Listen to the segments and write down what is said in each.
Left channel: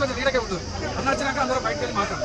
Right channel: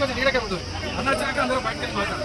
కొంచెం నీడకే ఉంటుంది అన్న వచ్చినాక అందరూ బయటకు మాట్లాడు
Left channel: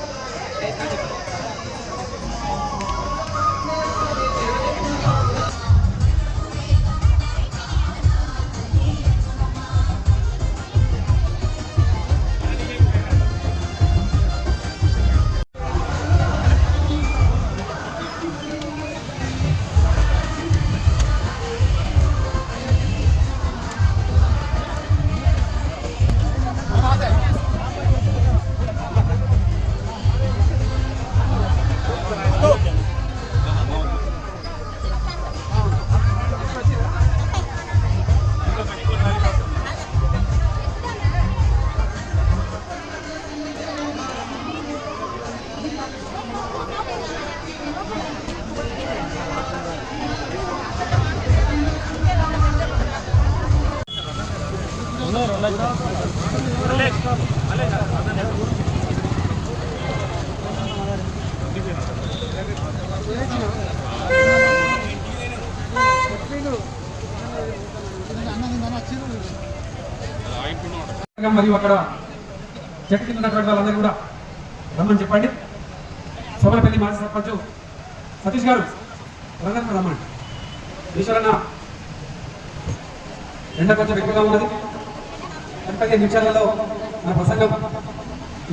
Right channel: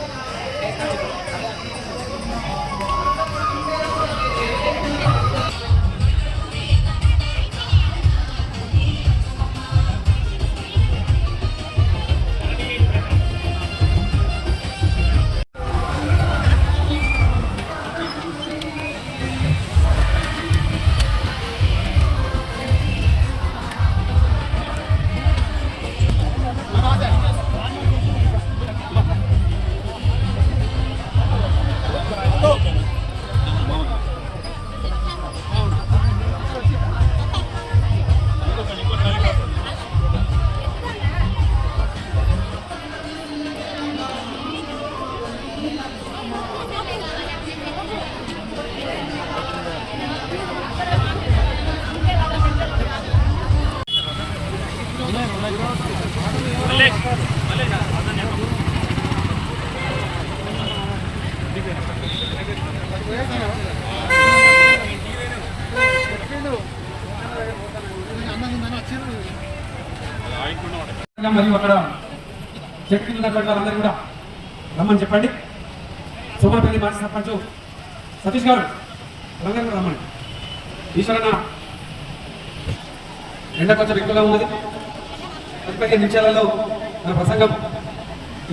మరియు అక్కడ చెట్టు కింద ఉన్నటువంటి వాళ్ళందరూ కూడా రమ్మని చెప్పండి. సోమరపల్లి మాజీ సర్పంచ్ సతీష్ గారు వాళ్ళందరూ కూడా రమ్మని. ఈశ్వరన్న ఎండ కొంచెం ఎక్కువగా ఉన్నది. ముప్పై నిమిషాలలో నా ప్రసంగం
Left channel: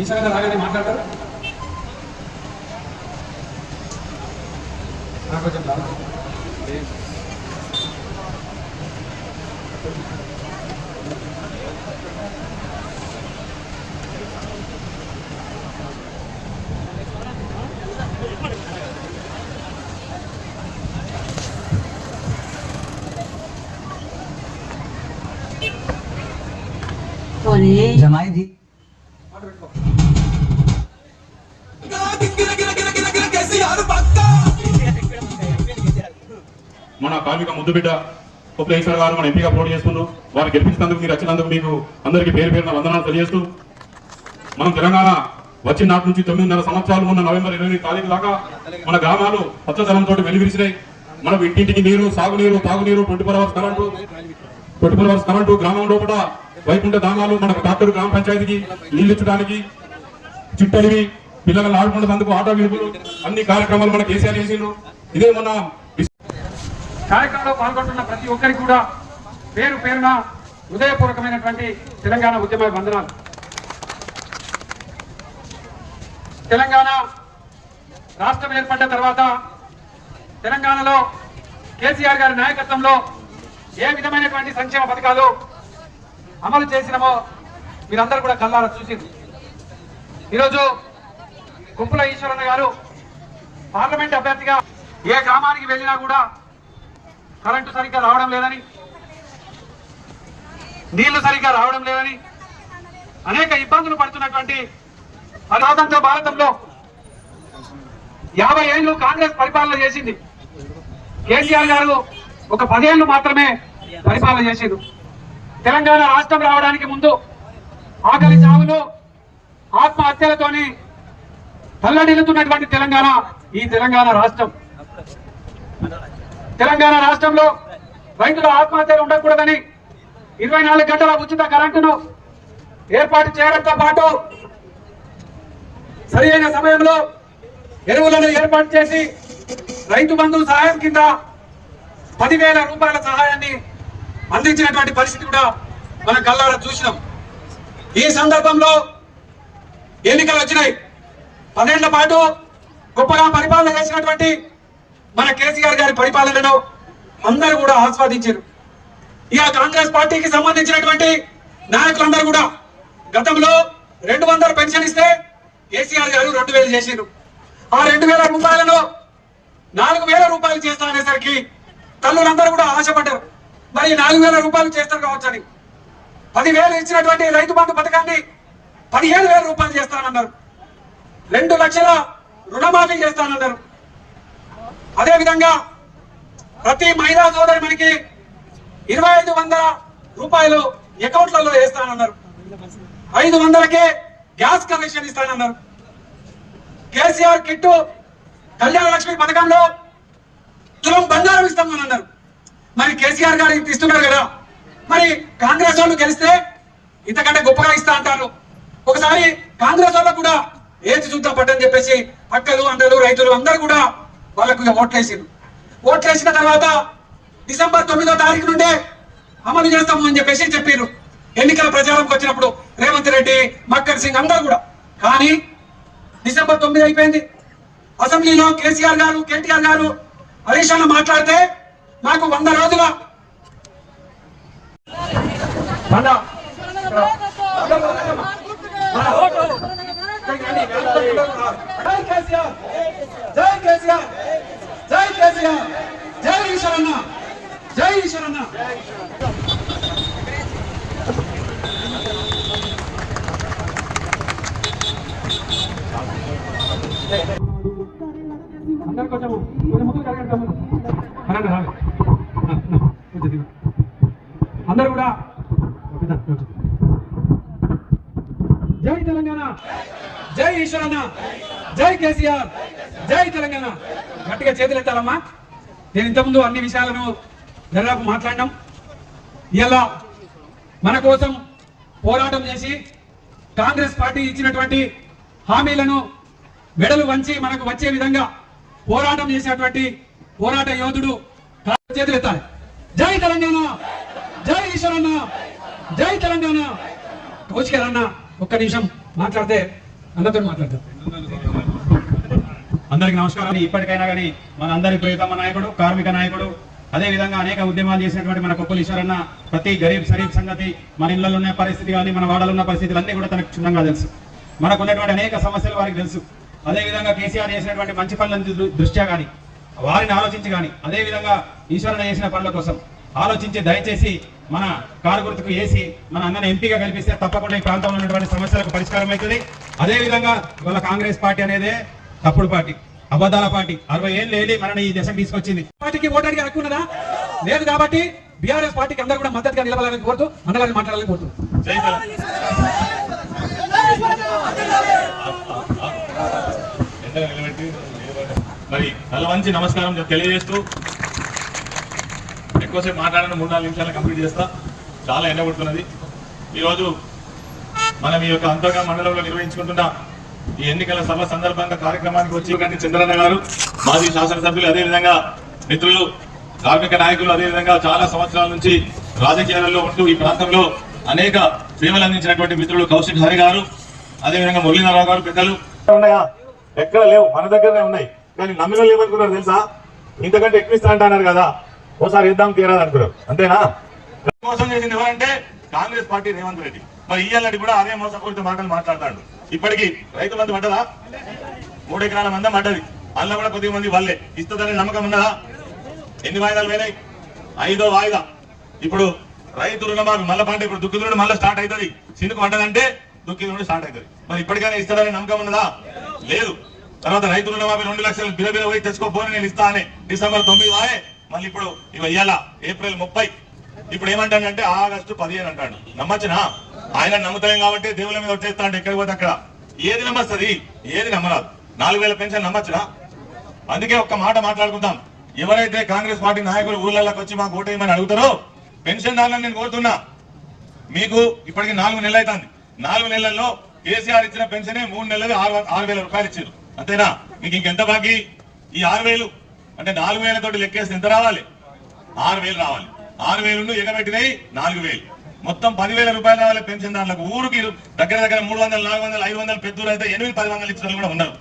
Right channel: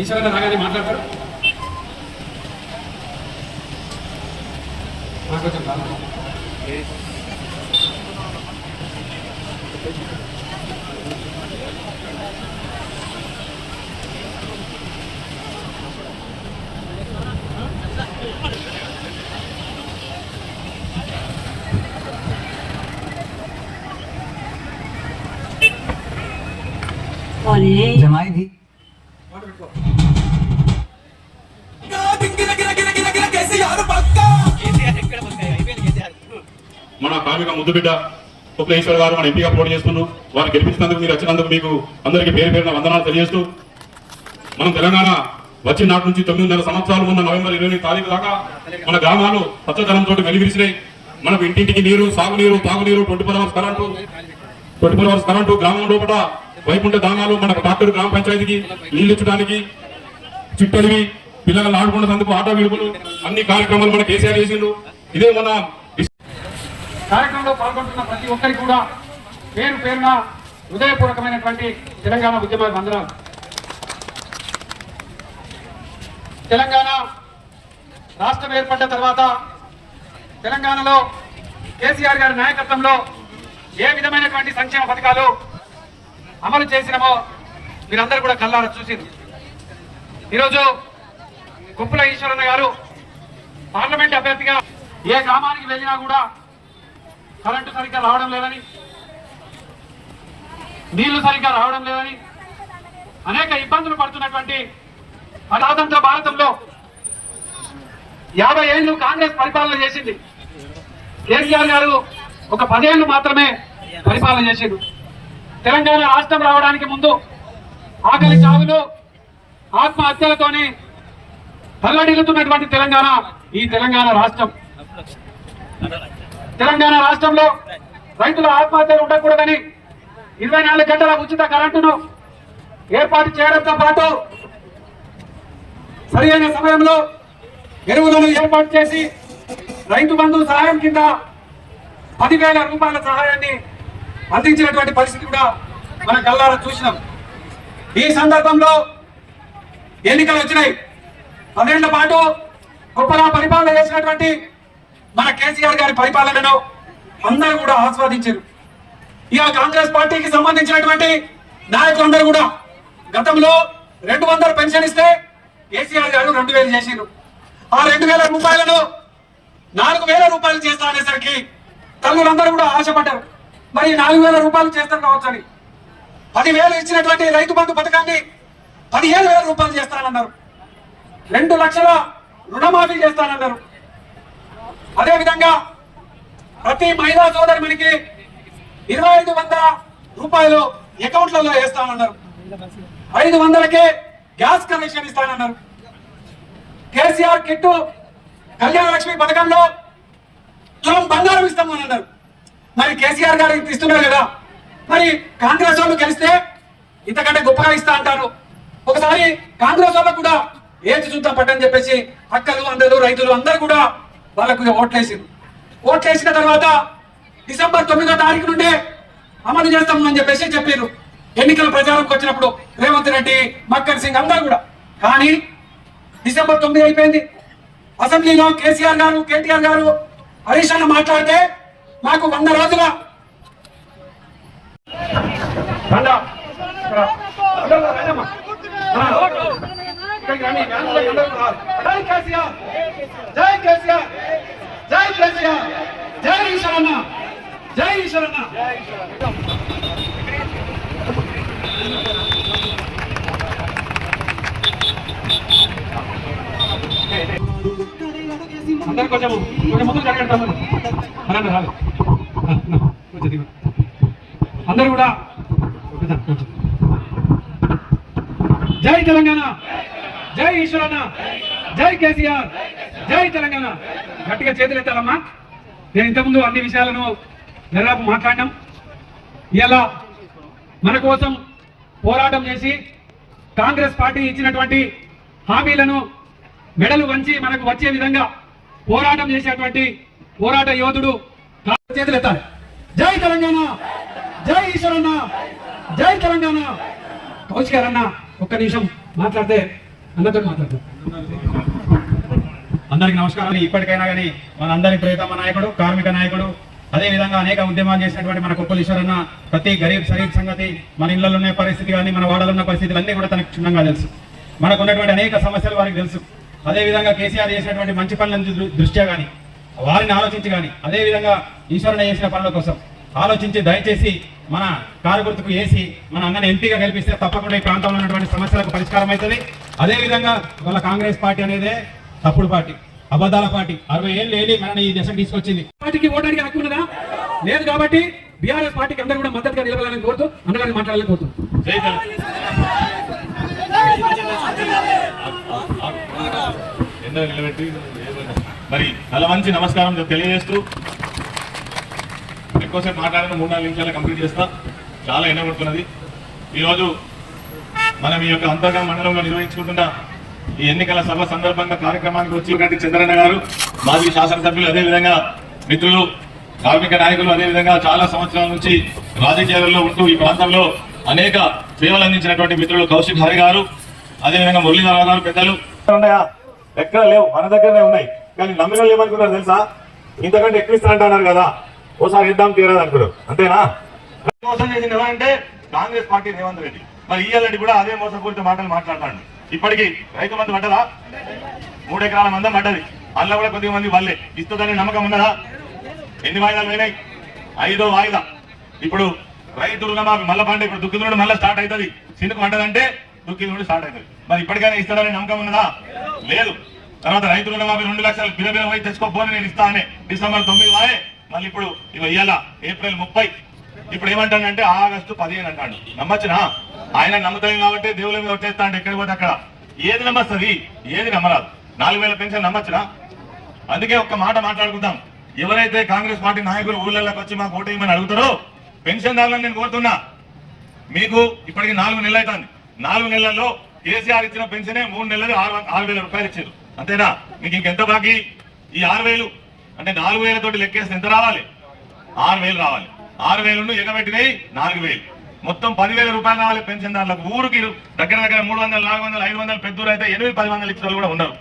ఈశ్వరన్న రాగానే మాట్లాడతారు. నాకు కొంచెం మన కార్మిక ముద్దుబిడ్డ కుక్లేశ్వర గారు మన ఎంపీగా పోటీ చేస్తున్నాం. వారు గెలిపించినందుకు మీరు వచ్చినందుకు మీకు అందరికీ పేరు పేరున వందనాలు తెలియజేస్తూ మనం తెలంగాణ వచ్చిన నాటి నుంచి తొమ్మిదిన్నర సంవత్సరాలు ఉన్న నవంబర్ ఇరవై తారీఖు దాకా మన గ్రామాలు పచ్చదనంతో వెలిగిరిచినాయి మనం ఇంటింటికి నీరు సాగునీరు తాగునీరు twenty four hours current twenty four hours current గ్రామం లోపల వైకుంఠ దానాలు మనకు డాక్టర్ గ్రామ పంచాయతీకి నీళ్ళు ఇచ్చడానికి చుట్టడివి పిల్లలను ఆడుకున్నందుకు ఆటో విలువలు అన్ని కార్యక్రమాలు మన కేసీఆర్ చేసిండు. ఇదే మన కార్యక్రమంలో పాల్గొంటున్న ప్రతి ఒక్కరికి కూడా పేరు పేరున హృదయపూర్వకమైనటువంటి తెలంగాణ ఉద్యమ వందనాలు. తెలంగాణ రాష్ట్రం ఏర్పడ్డ తర్వాత తెలంగాణలో కేసీఆర్ గారి నాయకత్వంలో ఏ విధమైనటువంటి సంక్షేమ పథకాలు అమలు చేసినామో మీరందరూ కూడా కళ్ళారా చూసింది. ఈరోజు కుప్పుల ఈశ్వరన్న గారు పార్లమెంట్ అభ్యర్థిగా ఏ గ్రామానికి వెళ్ళినా కూడా కరెంటు సరిగ్గా రావడం లేదని నీళ్ళు సరిగ్గా రావడం లేదని అనేక ఇబ్బందులు పడుతున్నటువంటి అనాథంతో భారతంలో యాభై ఏళ్ళు కాంగ్రెస్ పరిపాలన చేసింది. కేసీఆర్ గారు ఒక పదేళ్ళు మాత్రమే పరిపాలన చేసిండు. తెలంగాణ రాష్ట్రం రావడానికి ముందు ఆకలి చావులు ఆత్మహత్యలతోని తల్లడిల్లుతున్నటువంటి తెలంగాణ ఈ తెలంగాణ రాష్ట్రం. తెలంగాణ రాష్ట్రంలో రైతుల ఆత్మహత్యలు ఉండకూడదని ఇరవై నాలుగు గంటల ఉచిత కరెంటును ఏర్పాటు చేయడంతో పాటు సరి అయిన సమయంలో ఎరువులను ఏర్పాటు చేసి రైతు బంధు సహాయం కింద పదివేల రూపాయల సహాయాన్ని అందించినటువంటి పరిస్థితి కూడా మనం కల్లారా చూసినాం. ఈ సందర్భంలో ఎన్నికలు వచ్చినాయి. పదేళ్ళ పాటు గొప్పగా పరిపాలన చేసినటువంటి మన కేసీఆర్ గారి పరిపాలనను అందరూ కూడా ఆస్వాదించారు. ఇక కాంగ్రెస్ పార్టీకి సంబంధించినటువంటి నాయకులందరూ కూడా గతంలో రెండు వందలు పెన్షన్ ఇస్తే కేసీఆర్ గారు రెండు వేలు చేసిండ్రు. ఆ రెండు వేల రూపాయలను నాలుగు వేల రూపాయలు చేస్తారనేసరికి తల్లులందరూ కూడా ఆశపడ్డారు. మరి నాలుగు వేల రూపాయలు చేస్తారు కావచ్చని పదివేలు ఇచ్చినటువంటి రైతు బంధు పథకాన్ని పదిహేను వేల రూపాయలు చేస్తానన్నారు. రెండు లక్షల రుణమాఫీ చేస్తానన్నారు. అదే విధంగా ప్రతి మహిళా సోదరి మనకి ఇరవై ఐదు వందల రూపాయలు అకౌంట్లలో వేస్తానన్నారు. ఐదు వందలకే గ్యాస్ కనెక్షన్ ఇస్తానన్నారు. కేసీఆర్ కిట్టు కళ్యాణ లక్ష్మి పథకంలో తులం బంగారం ఇస్తామని అన్నారు మరి కేసీఆర్ గారు ఇస్తున్నారు కదా మరి కాంగ్రెస్ వాళ్ళు కలిస్తే ఇంతకంటే గొప్పగా ఇస్తా అంటారు. ఒకసారి కాంగ్రెస్ వాళ్ళకు కూడా ఏది చూద్దాం పట్టని చెప్పేసి అక్కలు అందరూ రైతులు అందరూ కూడా వాళ్ళకు ఓట్లేసింది ఓట్లేసిన తర్వాత డిసెంబర్ తొమ్మిదో తారీఖు నుండే అమలు చేస్తాము అని చెప్పేసి చెప్పారు ఎన్నికల ప్రచారంకి వచ్చినప్పుడు రేవంత్ రెడ్డి మక్కర్ సింగ్ అందరూ కూడా. కానీ డిసెంబర్ తొమ్మిది అయిపోయింది. అసెంబ్లీలో కేసీఆర్ గారు కేటీఆర్ గారు హరీష్ అన్న మాట్లాడితే మాకు వంద రోజుల వంద జై కేసీఆర్. జై కేసీఆర్. జై కేసీఆర్. జై ఈశ్వరన్న. జై ఈశ్వరన్న. అందరు కొంచెం కొంచెం జరగండి అందరూ కూడా జై తెలంగాణ. జై ఈశ్వరన్న జై కేసీఆర్ జై తెలంగాణ. గట్టిగా చేతులు ఎత్తాలమ్మా. నేను ఇంతకుముందు అన్ని విషయాలను దాదాపు మాట్లాడినాం. ఇలా మన కోసం పోరాటం చేసి కాంగ్రెస్ పార్టీ ఇచ్చినటువంటి హామీలను మెడలు వంచి మనకు వచ్చే విధంగా పోరాటం చేసేటువంటి పోరాట యోధుడు చేతులు ఎత్తాలి. జై తెలంగాణ జై ఈశ్వరన్న జై తెలంగాణ. కౌశికారన్న ఒక్క నిమిషం మాట్లాడితే అందరితో మాట్లాడతారు అందరికీ నమస్కారం ఇప్పటికైనా కానీ మనందరి ప్రియతమ నాయకుడు కార్మిక నాయకుడు అదే విధంగా అనేక ఉద్యమాలు చేసినటువంటి మన కుప్పలు ఈశ్వరన్న ప్రతి గరీబ్ సరీబ్ సంగతి మన ఇళ్ళలో ఉన్న పరిస్థితి కానీ మన వాడలో ఉన్న పరిస్థితులు అన్నీ కూడా తనకు క్షుణ్ణంగా తెలుసు. మనకు ఉన్నటువంటి అనేక సమస్యలు వారికి తెలుసు. అదే విధంగా కేసీఆర్ చేసినటువంటి మంచి పనులను దృష్ట్యా కానీ వారిని ఆలోచించి కానీ అదే విధంగా ఈశ్వరన్న చేసిన పనుల కోసం ఆలోచించి దయచేసి మన కారు గుర్తుకు వేసి మన అన్నని ఎంపీగా కల్పిస్తే తప్పకుండా ఈ ప్రాంతంలో ఉన్నటువంటి సమస్యలకు పరిష్కారం అవుతుంది. అదే విధంగా ఇవాళ కాంగ్రెస్ పార్టీ అనేదే తప్పుడు పార్టీ అబద్ధాల పార్టీ. అరవై ఏళ్ళు ఏలి మనని ఈ దశకు తీసుకొచ్చింది. పార్టీకి ఓటానికి హక్కున్నదా లేదు కాబట్టి బీఆర్ఎస్ పార్టీకి అందరూ కూడా మద్దతుగా నిలబడాలని కోరుతూ అన్నగారిని మాట్లాడాలని కోరుతున్నాను జై మరి తల మంచి నమస్కారం తెలియజేస్తూ ఎక్కువసేపు మాట్లాడడం మూడు నాలుగు నిమిషాలు కంప్లీట్ చేస్తా. చాలా ఎండగొడుతున్నది. ఈరోజు మనం ఈ యొక్క అంతర్గా మండలంలో నిర్వహించుకుంటున్న ఈ ఎన్నికల సభ సందర్భంగా కార్యక్రమానికి వచ్చి చంద్రన్న గారు. మాజీ శాసనసభ్యులు అదేవిధంగా మిత్రులు కార్మిక నాయకులు అదేవిధంగా చాలా సంవత్సరాల నుంచి రాజకీయాల్లో ఉంటూ ఈ ప్రాంతంలో అనేక సేవలు అందించినటువంటి మిత్రులు కౌశిక్ హరి గారు అదేవిధంగా మురళీధరరావు గారు పెద్దలు. ఉన్నాయా? ఎక్కడ లేవు. మన దగ్గరనే ఉన్నాయి. కానీ నమ్మిన వాళ్ళు ఏమనుకున్నారు తెలుసా? ఇంతకంటే ఎక్కువ ఇస్తా అంటున్నారు కదా. ఓసారి ఇద్దాం తీరాదు అనుకున్నారు అంతేనా? మోసం చేసింది ఎవరంటే కాంగ్రెస్ పార్టీ రేవంత్ రెడ్డి. మరి ఇయ్యాలని కూడా అదే మోసపూరిత మాటలు మాట్లాడతాడు. ఇప్పటికి రైతు మంది పడ్డదా? మూడు ఎకరాల మంది పడ్డది. అందులో కూడా కొద్దిగా మంది వాళ్ళే ఇస్తుందని నమ్మకం ఉన్నదా? ఎన్ని వాయిదాలు పోయినాయి? ఐదో వాయిదా. ఇప్పుడు రైతు రుణమాఫీ మళ్ళా పంట ఇప్పుడు దుఃఖితుడు మళ్ళీ స్టార్ట్ అవుతుంది. సిందుకు పడ్డదంటే దుఃఖితుడు స్టార్ట్ అవుతుంది. మరి ఇప్పటికైనా ఇస్తాడని నమ్మకం ఉన్నదా? లేదు. తర్వాత రైతు రుణమాఫీ రెండు లక్షలు బిల బిల పోయి తెచ్చుకోపోని నేను ఇస్తా అని డిసెంబర్ తొమ్మిది వారే మళ్ళీ ఇప్పుడు ఇవి ఇయ్యాల? ఏప్రిల్ ముప్పై. ఇప్పుడు ఏమంటానంటే ఆగస్టు పదిహేను అంటాడు. నమ్మచ్చునా? ఆయన నమ్ముతాం కాబట్టి దేవుల మీద వచ్చేస్తాడు ఎక్కడ పోతే అక్కడ. ఏది నమ్మస్తుంది? ఏది నమ్మరాదు. నాలుగు వేల పెన్షన్ నమ్మచ్చునా? అందుకే ఒక్క మాట మాట్లాడుకుందాం. ఎవరైతే కాంగ్రెస్ పార్టీ నాయకులు ఊళ్ళకి వచ్చి మాకు ఓటేయమని అడుగుతారో పెన్షన్ దారులను నేను కోరుతున్నా. మీకు ఇప్పటికి నాలుగు నెలలు అవుతుంది. నాలుగు నెలల్లో కేసీఆర్ ఇచ్చిన పెన్షనే మూడు నెలలు ఆరు ఆరు వేల రూపాయలు ఇచ్చారు. అంతేనా? మీకు ఇంకెంత బాకీ? ఈ ఆరు వేలు అంటే నాలుగు వేలతోటి లెక్కేస్తే ఎంత రావాలి? ఆరు వేలు రావాలి. ఆరు వేలు ఎగబెట్టినాయి నాలుగు వేలు. మొత్తం పదివేల రూపాయలు రావాలి పెన్షన్ దాంట్లో ఊరికి దగ్గర దగ్గర మూడు వందలు నాలుగు వందలు ఐదు వందలు పెద్దూరు అయితే ఎనిమిది పది వందలు ఇచ్చిన కూడా ఉన్నారు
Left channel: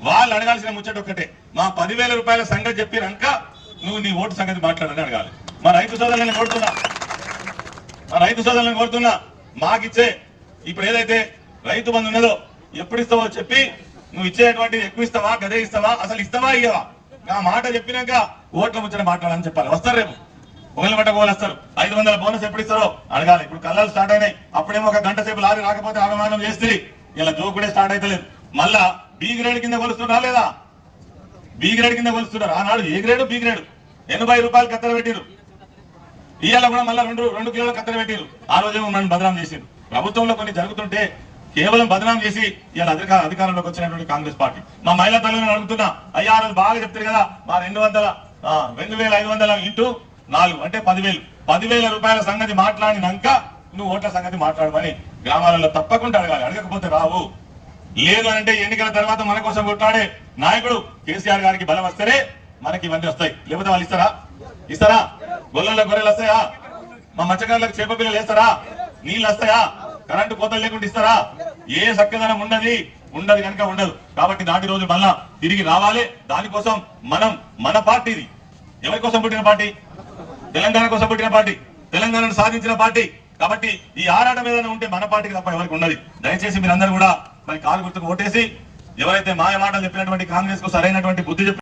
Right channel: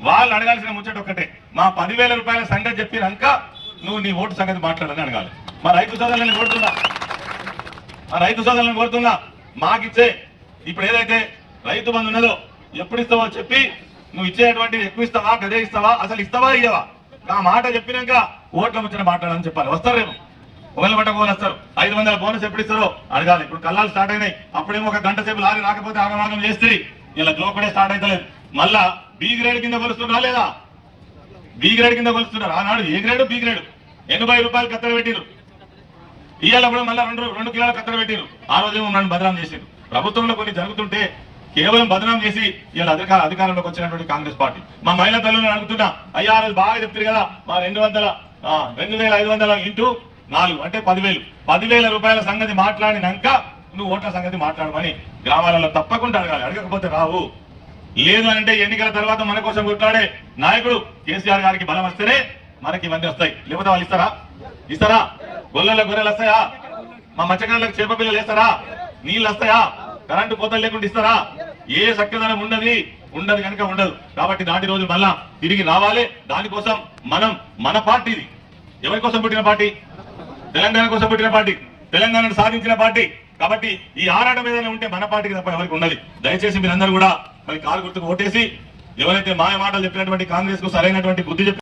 వాళ్ళు అడగాల్సిన ముచ్చట ఒక్కటే. మా పదివేల రూపాయల సంగతి చెప్పినాక నువ్వు నీ ఓటు సంగతి మాట్లాడని అడగాలి. మా రైతు సోదరులను కోరుతున్నా. మా రైతు సోదరులను కోరుతున్నా. మాకిచ్చే ఇప్పుడు ఏదైతే రైతు బంధు ఉన్నదో ఎప్పుడు ఇస్తావో చెప్పి నువ్వు ఇచ్చేటువంటి ఎక్కువ ఇస్తావా గదే ఇస్తావా అసలు ఇస్తావా ఇయ్యవా? నా మాట చెప్పినాక ఓట్ల ముచ్చట మాట్లాడని చెప్పాలి. వస్తారు రేపు. ఒకళ్ళు పట్ట ఒకళ్ళు వస్తారు. ఐదు వందల బోనస్ ఎప్పుడు ఇస్తారో అడగాలి. ఇప్పుడు కళ్ళాలు స్టార్ట్ అయినాయి. అప్పుడేమో ఒక గంట సేపు లారీ రాకపోతే అవమానం చేస్తే ఇలా జోకుడే స్టార్ట్ అవుతలేదు మళ్ళా బి గ్రేడ్ కింద కొలుస్తున్నా లేదా? బి గ్రేడ్ కింద కొలుస్తున్నారు ఆనాడు ఏ గ్రేడ్ బి గ్రేడ్ ఎనభై రూపాయలు కత్తెర పెట్టిరు. ఇవాళ కూడా మళ్ళీ రెండు రెండు కిలోల కత్తెర పెట్టిరు. ఆ రోజేమో నన్ను భద్రం చేసిండు ప్రభుత్వంలో కొన్ని జరుగుతుంటే కేవలం బదనాం చేసి ఇలా అధికార అధికారంలోకి వచ్చినటువంటి కాంగ్రెస్ పార్టీ. మా మహిళా తల్లిని అడుగుతున్నా అయ్యా రోజు బాగా చెప్తారు కదా మా రెండు వందల రెండు వేల ఐదు వందల ఇంటూ నాలుగు అంటే పదివేలు. పదివేల రూపాయల సంగతి మాట్లాడినాక నువ్వు ఓట్ల సంగతి మాట్లాడమని గ్రామాలలో తప్పకుండా అడగాలి. అడగకపోతే రావు. లేదు అంటే ఎన్నికల తర్వాత మన కోసం కొట్లాడే నాయకుడు కేసీఆర్ గారికి బలం వస్తేనే మనకి ఇవన్నీ వస్తాయి. లేకపోతే వాళ్ళు ఇస్తారా? ఇస్తారా? గొల్లల గొర్రెలు వస్తాయా? మా మత్స్యకారులకు చేప పిల్లలు వేస్తారా? నీళ్ళు వస్తాయా? కరెంటు కోతలు లేకుండా ఇస్తారా? ఏ చక్కదనం ఉండదు. ఉండదు కనుక ఉండదు. కాబట్టి దాటి రోజు మళ్ళా తిరిగి రావాలి. దానికోసం మనం మన పార్టీది. ఎవరి కోసం పుట్టిన పార్టీ? తెలంగాణ కోసం పుట్టిన పార్టీ. తెలంగాణను సాధించిన పార్టీ. కాబట్టి ఈ ఆరాటం ఏదైనా ఉంటే మన పార్టీకి తప్ప ఎవరికి ఉన్నది దయచేసి మీరందరూ కూడా మరి కాలు గుర్తుకు ఓటేసి ఎవరైతే మాయ మాటలు చెప్పినటువంటి కాంగ్రెస్కు సరైనటువంటి బుద్ధి